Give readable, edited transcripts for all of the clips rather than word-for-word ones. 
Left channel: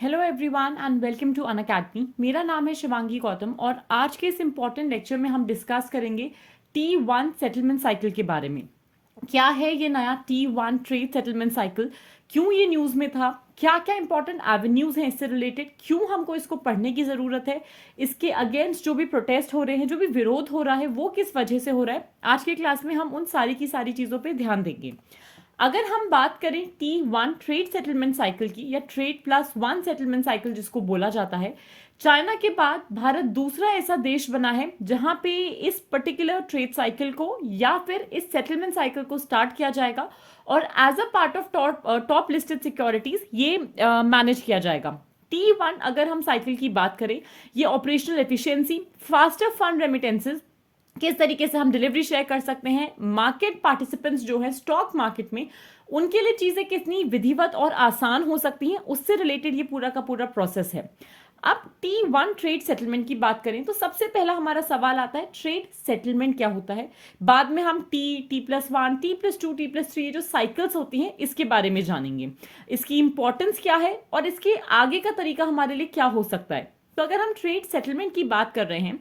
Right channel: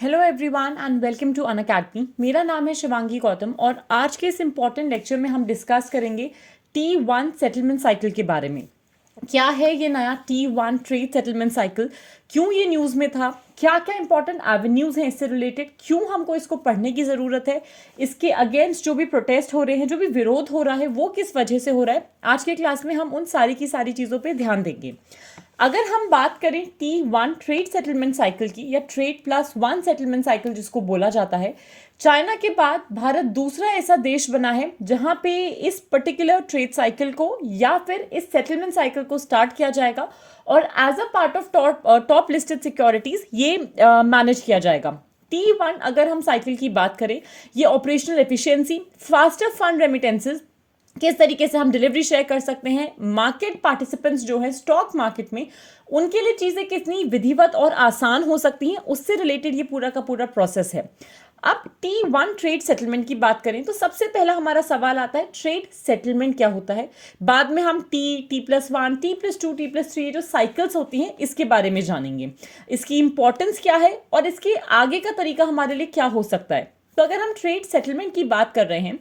Hello everyone and welcome to Unacademy. मेरा नाम है शिवांगी गौतम और आज के इस इम्पॉर्टेंट लेक्चर में हम डिस्कस करेंगे T1 सेटलमेंट साइकिल के बारे में। क्या है ये नया T1 ट्रेड सेटलमेंट साइकिल, क्यों ये न्यूज़ में था, क्या क्या इंपॉर्टेंट एवेन्यूज़ हैं इससे रिलेटेड, क्यों हमको इसको पढ़ने की ज़रूरत है, इसके अगेंस्ट जो भी प्रोटेस्ट हो रहे हैं, जो भी विरोध हो रहा है वो किस वजह से हो रहा है। आज के क्लास में हम उन सारी की सारी चीज़ों पर ध्यान देंगे। अगर हम बात करें T1 ट्रेड सेटलमेंट साइकिल की या trade plus one settlement cycle जिसको बोला जाता है, चाइना के बाद भारत दूसरा ऐसा देश बना है जहां पे इस पर्टिकुलर ट्रेड साइकिल को या फिर इस सेटलमेंट साइकिल को स्टार्ट किया जाएगा और as a part of top listed securities ये मैनेज किया जाएगा। T1 अगर हम साइकिल की बात करें, ये operational efficiency, faster fund remittances, किस तरीके से हम डिलीवरी शेयर कर सकते हैं, मार्केट पार्टिसिपेंट्स जो है स्टॉक मार्केट में उनके लिए चीज़ें कितनी विधिवत और आसान हो सकती हैं, उससे रिलेटेड ये पूरा का पूरा प्रोसेस है। अब T1 ट्रेड सेटलमेंट की बात करें तो सबसे पहला हमारा सवाल आता है ट्रेड सेटलमेंट क्या होता है। बाद में हम T+1, T+2, T+3 ये जो साइकिल्स होती हैं इसके बारे में जानेंगे, इसकी इंपॉर्टेंस क्या है और इसके आगे का तरीका हमारे लिए क्या हो सकता है। तो अगर हम ट्रेड सेटलमेंट की बात कर रहे हैं,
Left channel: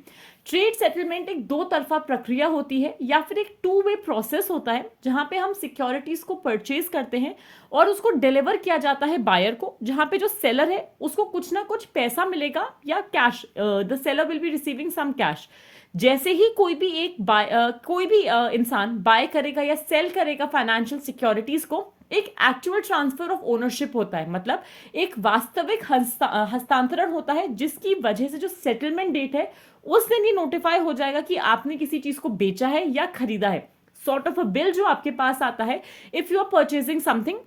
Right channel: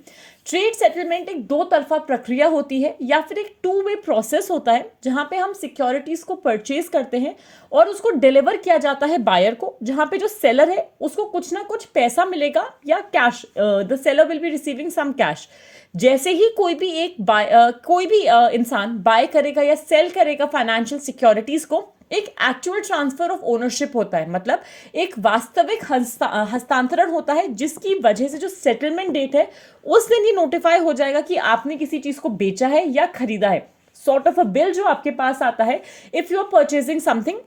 ट्रेड सेटलमेंट एक दो तरफा प्रक्रिया होती है या फिर एक टू वे प्रोसेस होता है जहां पे हम सिक्योरिटीज को परचेज करते हैं और उसको डिलीवर किया जाता है बायर को, जहां पे जो सेलर है उसको कुछ ना कुछ पैसा मिलेगा या cash, the seller will be receiving some cash. जैसे ही कोई भी इंसान बाय करेगा या सेल करेगा फाइनेंशियल सिक्योरिटीज को, एक एक्चुअल ट्रांसफर ऑफ ओनरशिप होता है, मतलब एक वास्तविक हस्तांतरण होता है जिसकी वजह से जो सेटलमेंट डेट है उस दिन ये नोटिफाई हो जाएगा कि आपने किसी चीज को बेचा है या खरीदा है। सॉर्ट ऑफ अ बिल जो आपके पास आता है if you are purchasing something,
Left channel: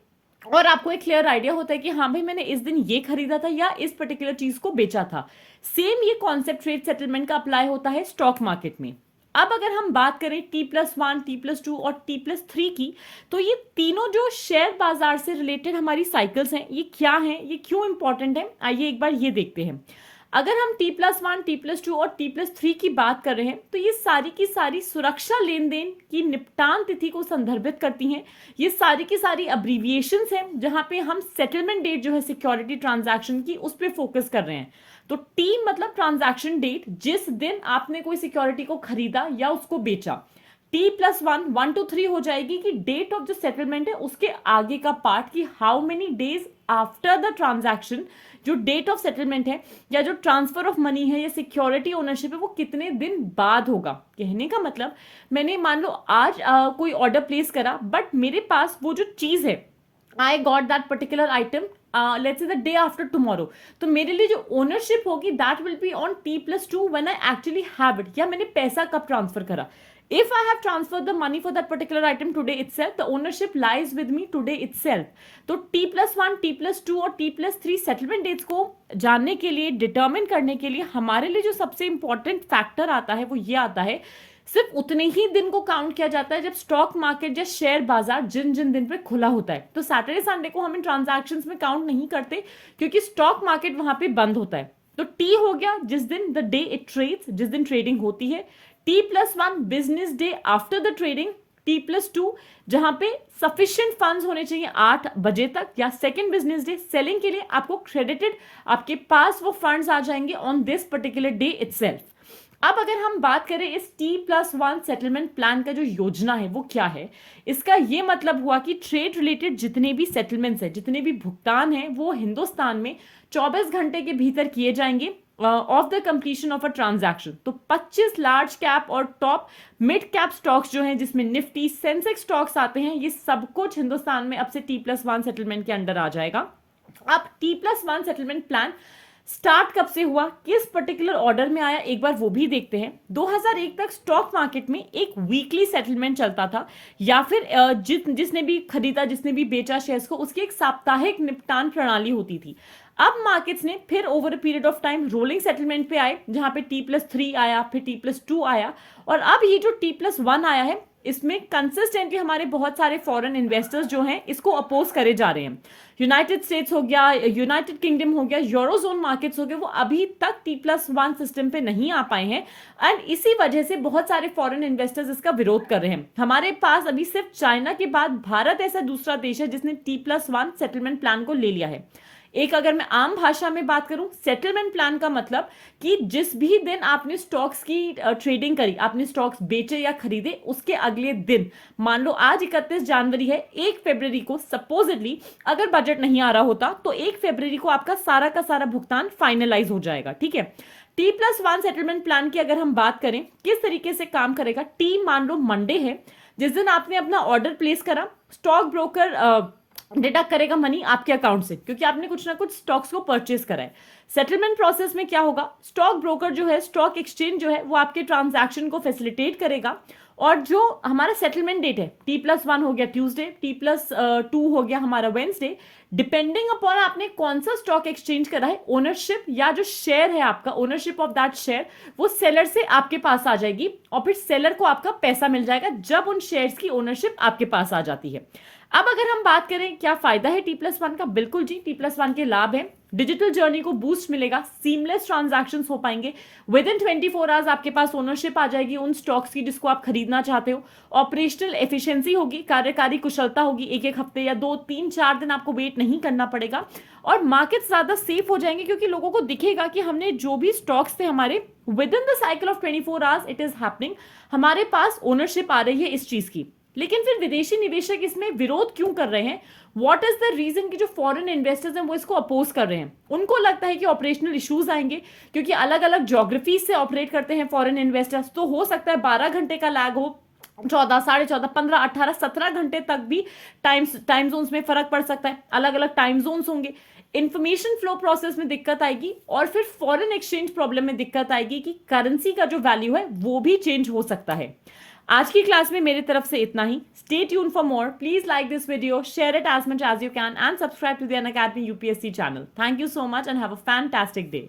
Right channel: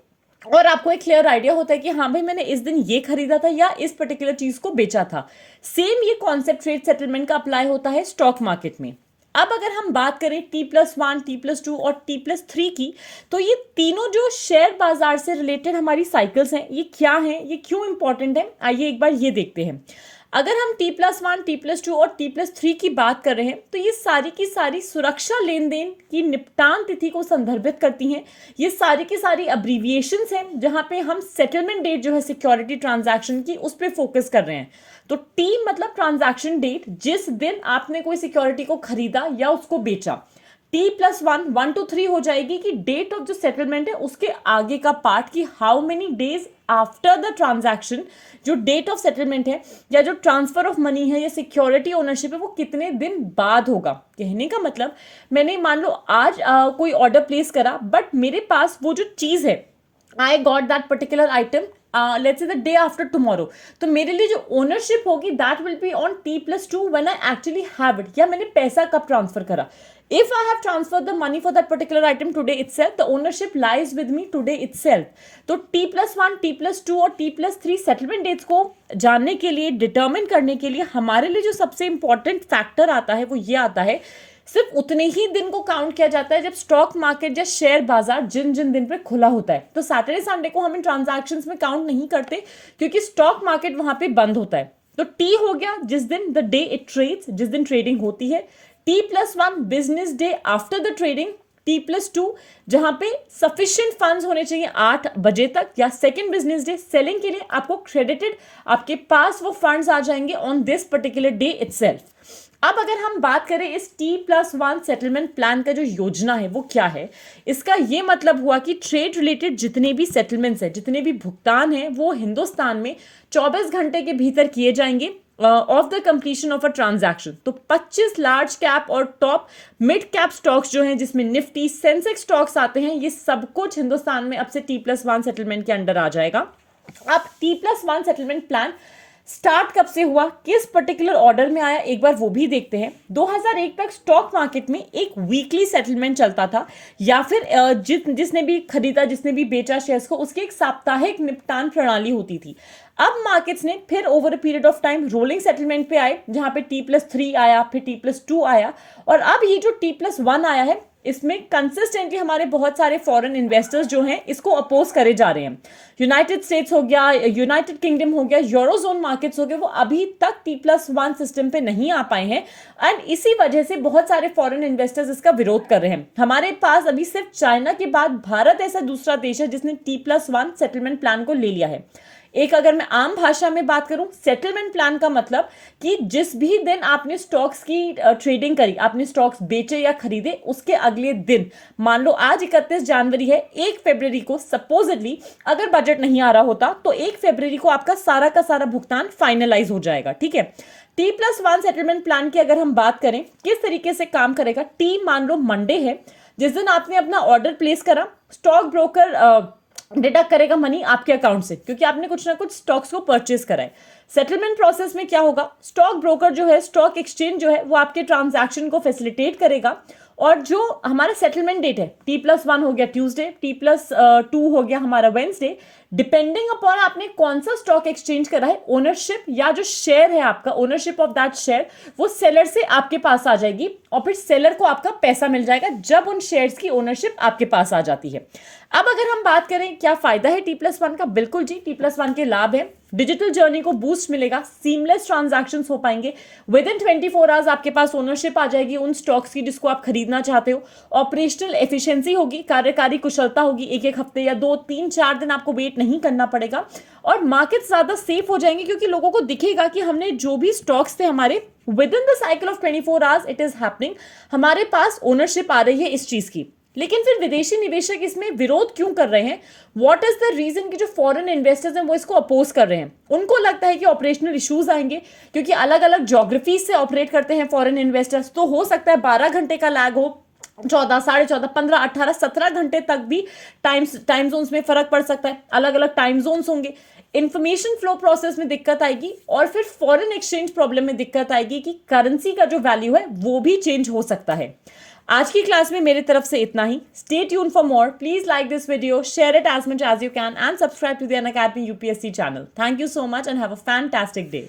और आपको एक क्लियर आइडिया होता है कि हाँ भाई मैंने इस दिन ये खरीदा था या इस पर्टिकुलर चीज को बेचा था। सेम ये कॉन्सेप्ट ट्रेड सेटलमेंट का अप्लाई होता है स्टॉक मार्केट में। अब अगर हम बात करें T+1, T+2 और T+3 की, तो ये तीनों जो शेयर बाजार से रिलेटेड हमारी साइकिल्स हैं, ये क्या हैं, ये क्यों इंपॉर्टेंट है, आइए एक बार ये देखते हैं। अगर हम T+1, T+2 और T+3 की बात कर रहे हैं तो ये सारी की सारी सुरक्षा लेन देन की निपटान तिथि को संदर्भित करती हैं। ये सारी की सारी अब्रीविएशंस हैं जहां पे हम सेटलमेंट डेट जो है सिक्योरिटी ट्रांजैक्शन की उस पर फोकस कर रहे हैं। तो T मतलब ट्रांजैक्शन डेट, जिस दिन आपने कोई सिक्योरिटी को खरीदा या उसको बेचा। T+1 1 to 3 हो जाएगी कि डेट ऑफ जो सेटलमेंट है उसके आगे का पार्ट, कि how many days after the transaction जो डेट ऑफ सेटलमेंट है या जो ट्रांसफर ऑफ मनी है या सिक्योरिटी ओनरशिप है वो कितने दिन बाद होगा। कहने का मतलब, मैंने मान लो आज कोई ऑर्डर प्लेस करा, बट मेरे पास वो जो चीज है, I got that particular item let's say the day after tomorrow, तो मेरे लिए जो ओनरशिप होगी that will be on T+2 when I actually have it, या मैंने पैसा कब ट्रांसफर करा। If I have transferred the money for that particular item today itself, the ownership lies with me today itself. तो T+1, T+2 और T+3 settlement dates को जानने के लिए, डिटर्मिन करने के लिए हमारे लिए जो सबसे इंपॉर्टेंट फैक्टर आता है वो ये आता है, सिर्फ उतने ही दिन को काउंट किया जाता है जब स्टॉक मार्केट या शेयर बाजार जिन जिन दिन पे खुला होता है। तो सैटरडे संडे को हम इन ट्रांजैक्शंस में काउंट नहीं करते क्योंकि स्टॉक मार्केट वहां पे बंद होता है। तो टी हो गया जिस दिन, द डे इट ट्रेड्स, जिस दिन ट्रेडिंग होती है। T+1 business day after the trading. T+2 जहां पे सफिशिएंट फंड्स होने चाहिए 8 बजे तक, या सेकंड बिजनेस डे सेलिंग के लिए आपको क्रेडिटेड, आपके पास वो फंड्स आ जाएंगे on this particular day itself. अब अगर हम बात करें इस T+1 सेटलमेंट प्लान का जो योजना है वो क्या है, इसका ये मतलब हुआ कि ट्रेड रिलेटेड जितने भी सेटलमेंट्स हैं, जितने भी भुगतान हैं, वो हिंदुस्तान में 24 घंटे के भीतर किए जाएंगे of the completion of a transaction. तो 25 लार्ज कैप और टॉप मिड कैप स्टॉक्स जो हैं, जिसमें निफ्टी, सेंसेक्स स्टॉक्स आते हैं, ये सब कुछ हिंदुस्तान में अब से T+1 सेटलमेंट के अंडर आ जाएगा। अब T+1 सेटलमेंट प्लान स्टार्ट कब से हुआ, किस पर्टिकुलर ऑर्डर में आया, एक बार वो भी देखते हैं। 2001 तक स्टॉक मार्केट में एक वीकली सेटलमेंट चलता था, या फिर जिसने भी खरीदा, जिसने भी बेचा शेयर्स को, उसकी एक साप्ताहिक निपटान प्रणाली होती थी। अब मार्केट्स ने फिर over a period of time rolling settlement पे आए, जहां पे T+3 आया, फिर T+2 आया, और अब ये जो T+1 आया है इसमें कंसिस्टेंटली हमारे बहुत सारे फॉरेन इन्वेस्टर्स जो हैं इसको अपोज करे जा रहे हैं। यूनाइटेड स्टेट्स हो गया, यूनाइटेड किंगडम हो गया, यूरोजोन मार्केट्स हो गए, वो अभी तक T+1 सिस्टम पे नहीं आ पाए हैं, एंड इसी वजह से बहुत सारे फॉरेन इन्वेस्टर्स इसका विरोध कर रहे हैं। हमारे पास अभी सिर्फ चाइना के बाद भारत ऐसा दूसरा देश है जिसने T+1 सेटलमेंट प्लान को ले लिया है। एक अगर मैं आम भाषा में बात करूं, सेटलमेंट प्लान का मतलब कि जिस भी दिन आपने स्टॉक्स की ट्रेडिंग करी, आपने स्टॉक्स बेचे या खरीदे, उसके अगले दिन, मान लो आज 31 जनवरी है, 1 फरवरी को सपोजिटली अगर बजट नहीं आ रहा होता तो 1 फरवरी को आपका सारा का सारा भुगतान फाइनलाइज हो जाएगा। ठीक है। T+1 सेटलमेंट प्लान की अगर हम बात करें किस तरीके से काम करेगा, टी मान लो मंडे है, जिस दिन आपने अपना ऑर्डर प्लेस करा, स्टॉक ब्रोकर डिडक्ट करेगा मनी आपके अकाउंट से, क्योंकि आपने कुछ ना कुछ स्टॉक्स को परचेज करा है। सेटलमेंट प्रोसेस में क्या होगा, स्टॉक ब्रोकर जो है, स्टॉक एक्सचेंज जो है, वो आपके ट्रांजैक्शन को फैसिलिटेट करेगा, और जो हमारा सेटलमेंट डेट है, T+1 हो गया ट्यूसडे, T+2 हो गया हमारा वेंसडे, डिपेंडिंग अपॉन आपने कौन सा स्टॉक एक्सचेंज करा है, ओनरशिप या जो शेयर है आपका, ओनरशिप ऑफ दैट शेयर, वो सेलर से आपके पास आ जाएगी, और फिर सेलर को आपका पैसा मिल जाएगा जब उन शेयर्स की ओनरशिप आपके पास आ जाती है। अब अगर हम बात करें क्या फायदा है T+1 का, बिल्कुल जी, T+1 के लाभ है, डिजिटल जर्नी को बूस्ट मिलेगा, सीमलेस ट्रांजैक्शंस हो पाएंगे, विद इन 24 आवर्स आपके पास ओनरशिप आ जाएगी उन स्टॉक्स की जिसको आप खरीदना चाहते हो, ऑपरेशनल एफिशिएंसी होगी, कार्यकारी कुशलता होगी, एक एक हफ्ते या 2 3 4 दिन आपको वेट नहीं करना पड़ेगा, और मार्केट ज्यादा सेफ हो जाएंगे, क्योंकि लोगों को दिखेगा कि हमने जो भी स्टॉक्स थे हमारे, with in the cycle of 24 hours it is happening, हमारे पास ओनरशिप आ रही है इस चीज की। लेकिन फिर विदेशी निवेशक इसमें विरोध क्यों कर रहे हैं, व्हाट इज द रीजन कि जो फॉरेन इन्वेस्टर्स हैं वो इसको अपोज कर रहे हैं, उनको लगता है कि ऑपरेशनल इश्यूज आएंगे, क्योंकि अलग अलग ज्योग्राफी से ऑपरेट करते हैं फॉरेन इन्वेस्टर्स, तो हो सकता है 12 घंटे का लैग हो, 14 14.5 15 18 17 घंटे तक भी टाइम जोन्स में फर्क पड़ सकता है, अलग अलग टाइम जोन्स होंगे, इंफॉर्मेशन फ्लो प्रोसेस में दिक्कत आएगी, और फिर फॉरेन एक्सचेंज प्रॉब्लम में दिक्कत आएगी कि करेंसी का जो वैल्यू है वो भी चेंज हो सकता है। आज की क्लास में मेरी तरफ से इतना ही। Stay tune for more, please like this video, share it as much as you can, and subscribe to the Unacademy UPSC channel. Thank you so much and have a fantastic day.